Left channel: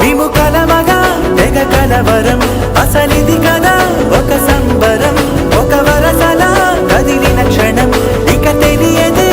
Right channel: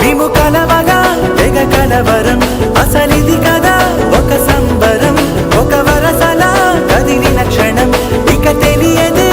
మేము కలవగా తెగ కలవరం అసలిది కదా ఒక సంబరం ఒక వరసలా కదిలిన క్షణం ఇక తెలియదే